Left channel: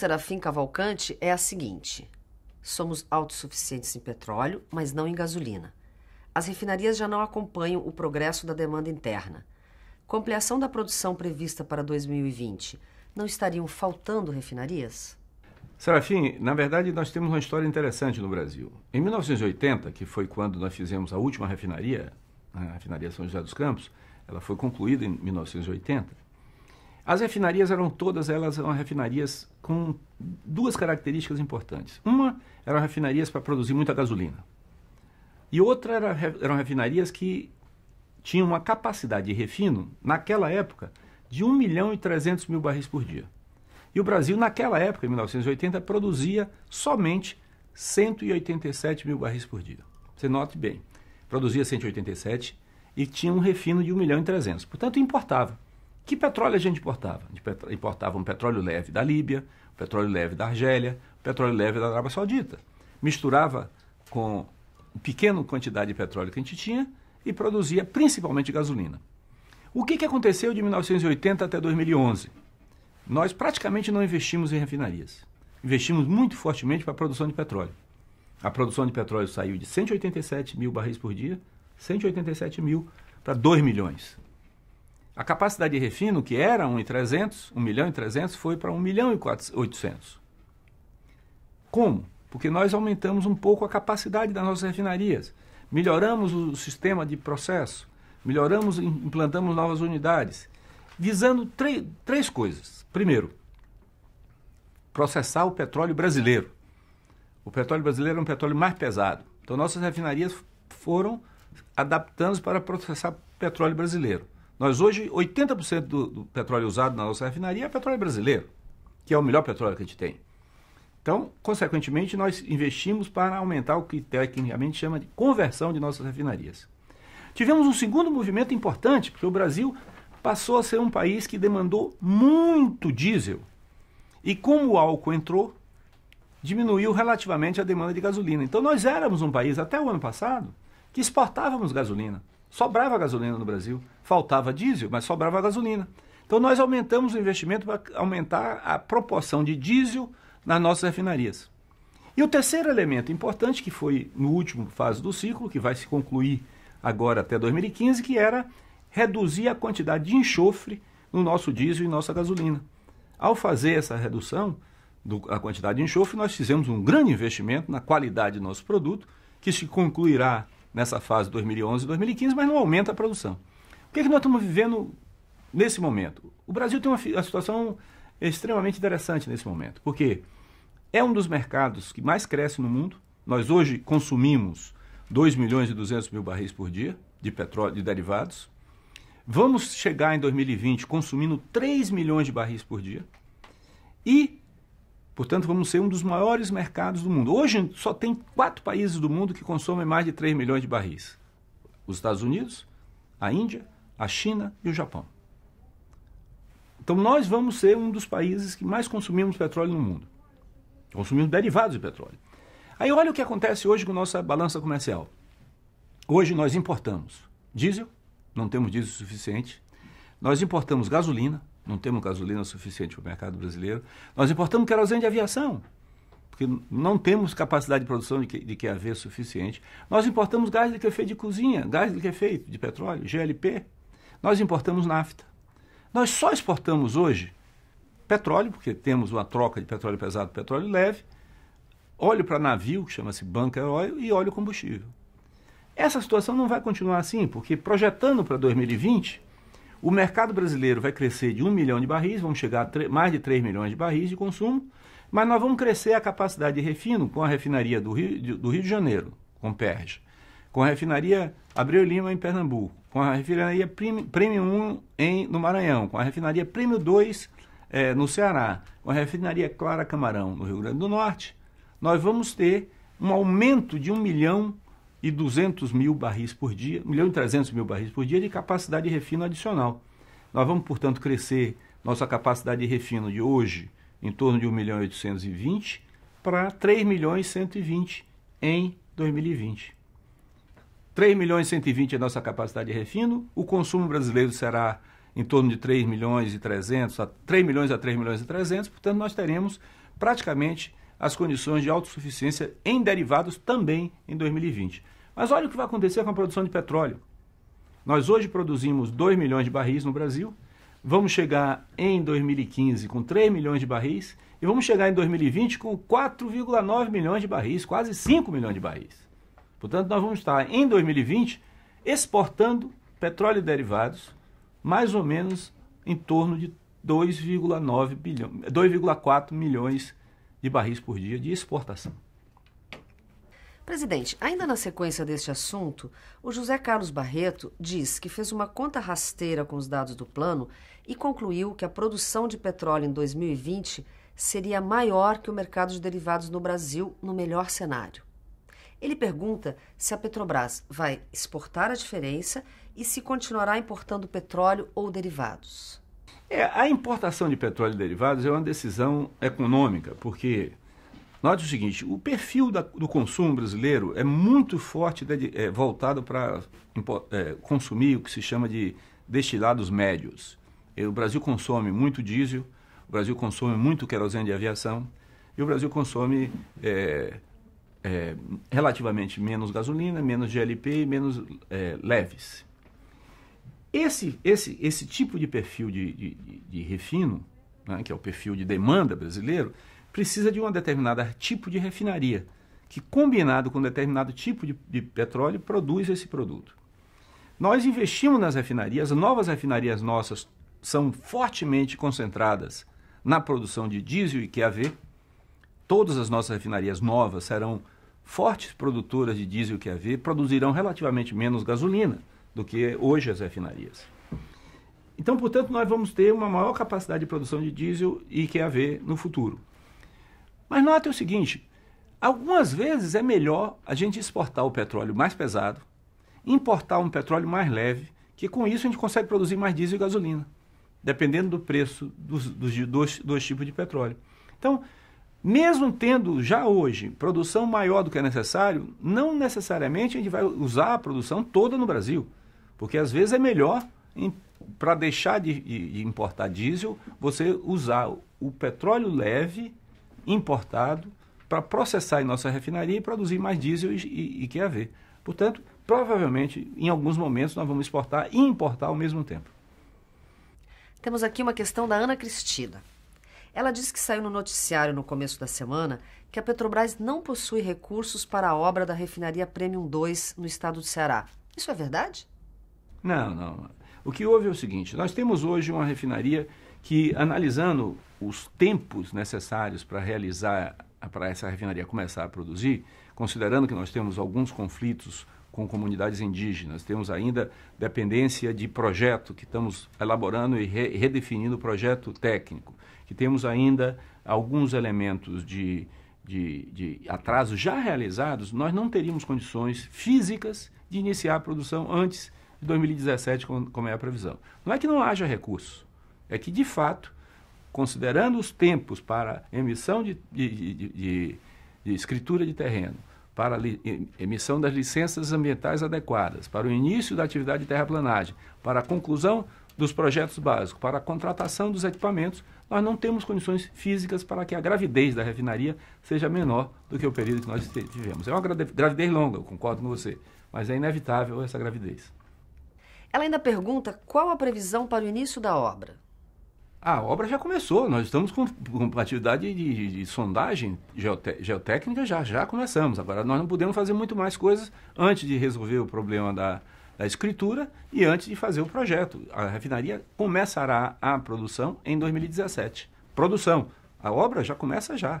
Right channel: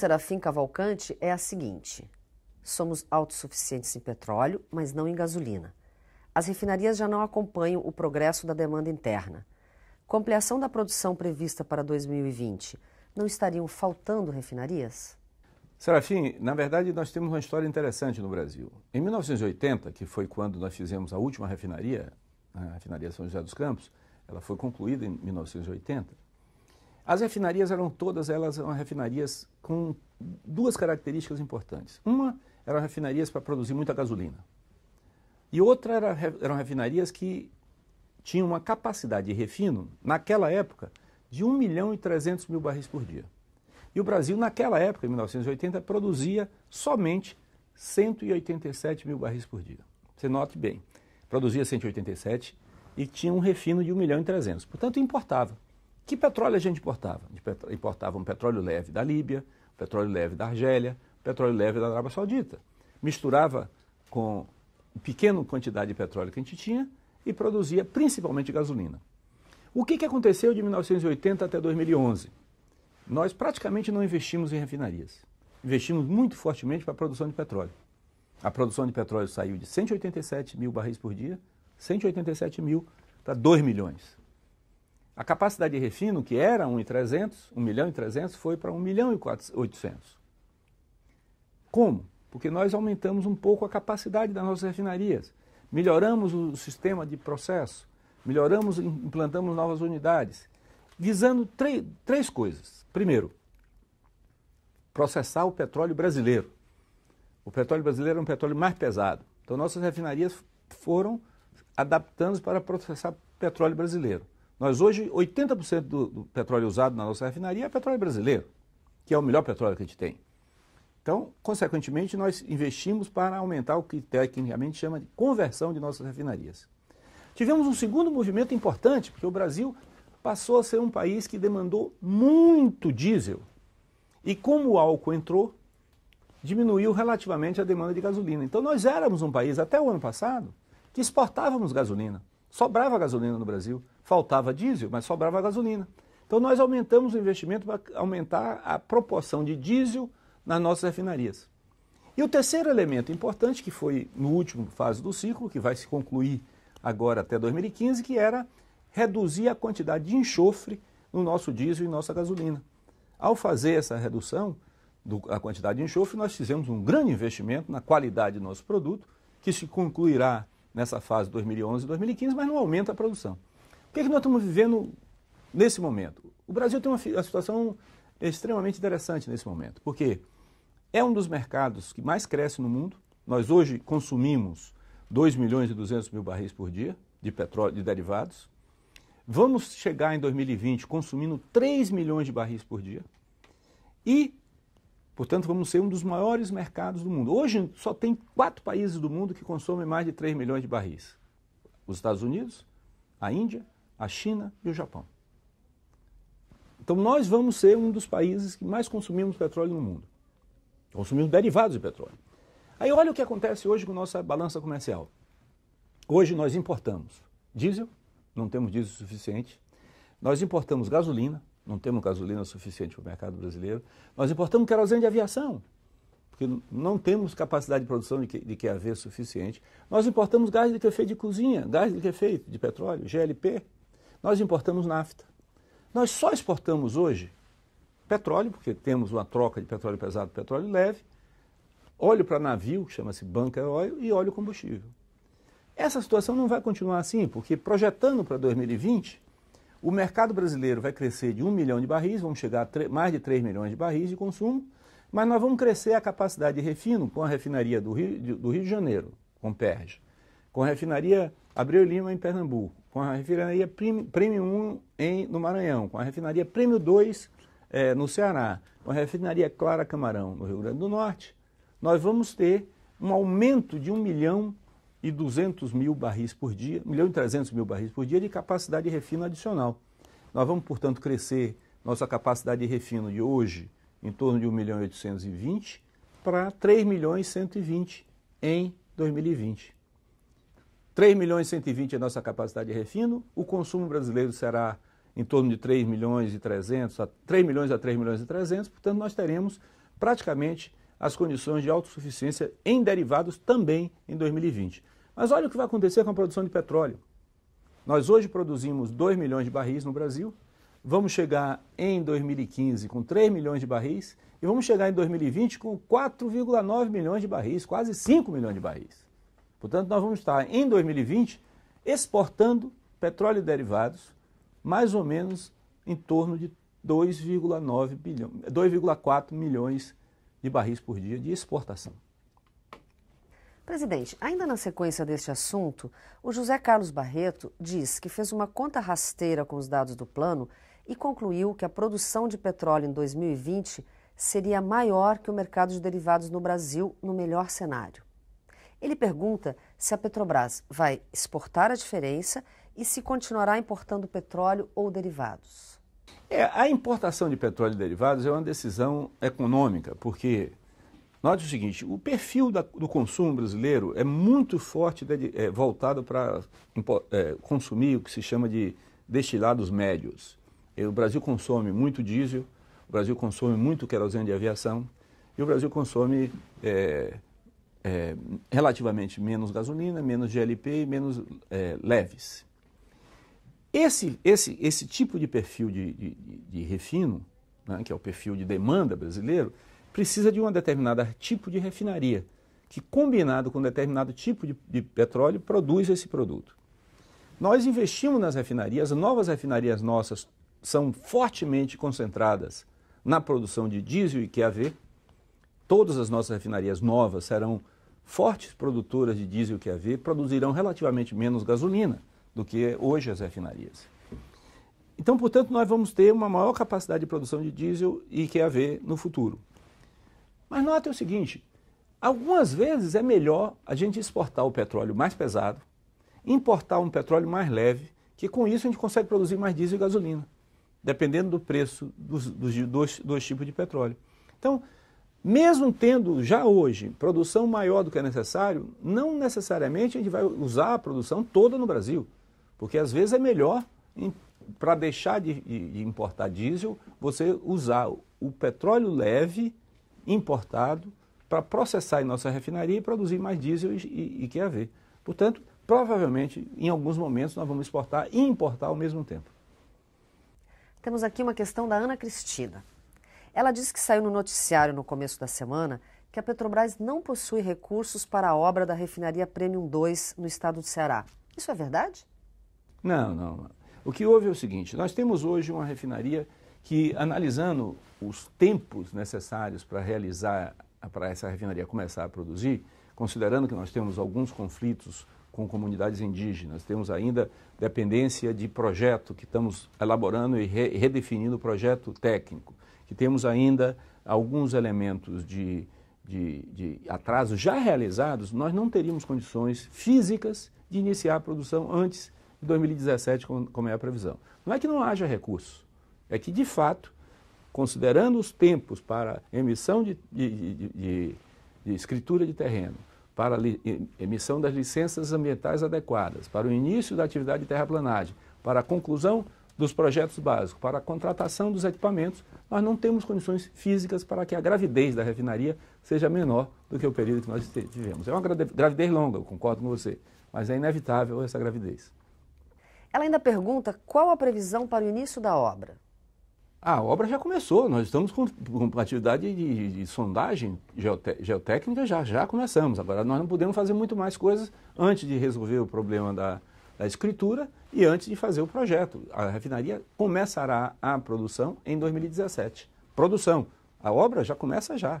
Serafim Cavalcante é a seguinte: somos autossuficientes em petróleo, mas não em gasolina. As refinarias já não acompanham o progresso da demanda interna. Com a ampliação da produção prevista para 2020, não estariam faltando refinarias? Serafim, na verdade nós temos uma história interessante no Brasil. Em 1980, que foi quando nós fizemos a última refinaria, a refinaria São José dos Campos, ela foi concluída em 1980. As refinarias eram todas elas refinarias com duas características importantes. Uma eram refinarias para produzir muita gasolina. E outra eram refinarias que tinham uma capacidade de refino, naquela época, de 1.300.000 barris por dia. E o Brasil, naquela época, em 1980, produzia somente 187 mil barris por dia. Você note bem, produzia 187 e tinha um refino de 1.300.000. Portanto, importava. Que petróleo a gente importava? A gente importava um petróleo leve da Líbia, um petróleo leve da Argélia, um petróleo leve da Arábia Saudita. Misturava com uma pequena quantidade de petróleo que a gente tinha e produzia principalmente gasolina. O que aconteceu de 1980 até 2011? Nós praticamente não investimos em refinarias. Investimos muito fortemente para a produção de petróleo. A produção de petróleo saiu de 187 mil barris por dia, 187 mil para 2 milhões. A capacidade de refino, que era 1.300.000, foi para 1.800.000. Como? Porque nós aumentamos um pouco a capacidade das nossas refinarias. Melhoramos o sistema de processo, implantamos novas unidades, visando três coisas. Primeiro, processar o petróleo brasileiro. O petróleo brasileiro é um petróleo mais pesado. Então, nossas refinarias foram adaptando para processar petróleo brasileiro. Nós hoje, 80% do petróleo usado na nossa refinaria é petróleo brasileiro, que é o melhor petróleo que a gente tem. Então, consequentemente, nós investimos para aumentar o que tecnicamente chama de conversão de nossas refinarias. Tivemos um segundo movimento importante, porque o Brasil passou a ser um país que demandou muito diesel. E como o álcool entrou, diminuiu relativamente a demanda de gasolina. Então nós éramos um país, até o ano passado, que exportávamos gasolina. Sobrava gasolina no Brasil. Faltava diesel, mas sobrava gasolina. Então nós aumentamos o investimento para aumentar a proporção de diesel nas nossas refinarias. E o terceiro elemento importante, que foi no último fase do ciclo, que vai se concluir agora até 2015, que era reduzir a quantidade de enxofre no nosso diesel e nossa gasolina. Ao fazer essa redução da quantidade de enxofre, nós fizemos um grande investimento na qualidade do nosso produto, que se concluirá nessa fase 2011 e 2015, mas não aumenta a produção. O que nós estamos vivendo nesse momento? O Brasil tem uma situação extremamente interessante nesse momento, porque é um dos mercados que mais cresce no mundo. Nós hoje consumimos 2.200.000 barris por dia de petróleo, de derivados. Vamos chegar em 2020 consumindo 3 milhões de barris por dia e, portanto, vamos ser um dos maiores mercados do mundo. Hoje só tem 4 países do mundo que consomem mais de 3 milhões de barris. Os Estados Unidos, a Índia, a China e o Japão. Então nós vamos ser um dos países que mais consumimos petróleo no mundo. Consumimos derivados de petróleo. Aí olha o que acontece hoje com a nossa balança comercial. Hoje nós importamos diesel, não temos diesel suficiente. Nós importamos gasolina, não temos gasolina suficiente para o mercado brasileiro. Nós importamos querosene de aviação, porque não temos capacidade de produção de QAV suficiente. Nós importamos gás de efeito de cozinha, gás de efeito de petróleo, GLP. Nós importamos nafta. Nós só exportamos hoje petróleo, porque temos uma troca de petróleo pesado por petróleo leve, óleo para navio, que chama-se bunker oil, e óleo combustível. Essa situação não vai continuar assim, porque projetando para 2020, o mercado brasileiro vai crescer de 1 milhão de barris, vamos chegar a mais de 3 milhões de barris de consumo, mas nós vamos crescer a capacidade de refino com a refinaria do Rio de Janeiro, com PERJ, com a refinaria Abreu Lima em Pernambuco, com a refinaria Prêmio 1 no Maranhão, com a refinaria Prêmio 2 no Ceará, com a refinaria Clara Camarão no Rio Grande do Norte. Nós vamos ter um aumento de 1.200.000 barris por dia, 1.300.000 barris por dia de capacidade de refino adicional. Nós vamos, portanto, crescer nossa capacidade de refino de hoje em torno de 1.820.000 para 3.120.000 em 2020. 3.120.000 é a nossa capacidade de refino, o consumo brasileiro será em torno de 3.300.000 a 3.300.000, portanto nós teremos praticamente as condições de autossuficiência em derivados também em 2020. Mas olha o que vai acontecer com a produção de petróleo. Nós hoje produzimos 2 milhões de barris no Brasil, vamos chegar em 2015 com 3 milhões de barris e vamos chegar em 2020 com 4,9 milhões de barris, quase 5 milhões de barris. Portanto, nós vamos estar em 2020 exportando petróleo e derivados mais ou menos em torno de 2,4 milhões de barris por dia de exportação. Presidente, ainda na sequência deste assunto, o José Carlos Barreto diz que fez uma conta rasteira com os dados do plano e concluiu que a produção de petróleo em 2020 seria maior que o mercado de derivados no Brasil no melhor cenário. Ele pergunta se a Petrobras vai exportar a diferença e se continuará importando petróleo ou derivados. A importação de petróleo e derivados é uma decisão econômica, porque, note o seguinte, o perfil do consumo brasileiro é muito forte, voltado para consumir o que se chama de destilados médios. O Brasil consome muito diesel, o Brasil consome muito querosene de aviação e o Brasil consome relativamente menos gasolina, menos GLP, menos leves. Esse tipo de perfil de refino, né, que é o perfil de demanda brasileiro, precisa de um determinado tipo de refinaria, que combinado com um determinado tipo de petróleo, produz esse produto. Nós investimos nas refinarias, as novas refinarias nossas são fortemente concentradas na produção de diesel e QAV. Todas as nossas refinarias novas serão fortes produtoras de diesel e QAV, produzirão relativamente menos gasolina do que hoje as refinarias. Então, portanto, nós vamos ter uma maior capacidade de produção de diesel e QAV no futuro. Mas note o seguinte, algumas vezes é melhor a gente exportar o petróleo mais pesado, importar um petróleo mais leve, que com isso a gente consegue produzir mais diesel e gasolina, dependendo do preço dos dois tipos de petróleo. Então, mesmo tendo já hoje produção maior do que é necessário, não necessariamente a gente vai usar a produção toda no Brasil, porque às vezes é melhor, para deixar de importar diesel, você usar o petróleo leve importado para processar em nossa refinaria e produzir mais diesel e QAV. Portanto, provavelmente, em alguns momentos, nós vamos exportar e importar ao mesmo tempo. Temos aqui uma questão da Ana Cristina. Ela disse que saiu no noticiário no começo da semana que a Petrobras não possui recursos para a obra da refinaria Premium 2 no estado do Ceará. Isso é verdade? Não. O que houve é o seguinte, nós temos hoje uma refinaria que, analisando os tempos necessários para essa refinaria começar a produzir, considerando que nós temos alguns conflitos com comunidades indígenas, temos ainda dependência de projeto que estamos elaborando e redefinindo o projeto técnico, que temos ainda alguns elementos de atraso já realizados, nós não teríamos condições físicas de iniciar a produção antes de 2017, como é a previsão. Não é que não haja recurso, é que, de fato, considerando os tempos para emissão de escritura de terreno, para a emissão das licenças ambientais adequadas, para o início da atividade de terraplanagem, para a conclusão dos projetos básicos, para a contratação dos equipamentos, nós não temos condições físicas para que a gravidez da refinaria seja menor do que o período que nós tivemos. É uma gravidez longa, eu concordo com você, mas é inevitável essa gravidez. Ela ainda pergunta qual a previsão para o início da obra. A obra já começou, nós estamos com atividade de sondagem geotécnica, já começamos. Agora, nós não podemos fazer muito mais coisas antes de resolver o problema da escritura e antes de fazer o projeto. A refinaria começará a produção em 2017. Produção, a obra já começa já.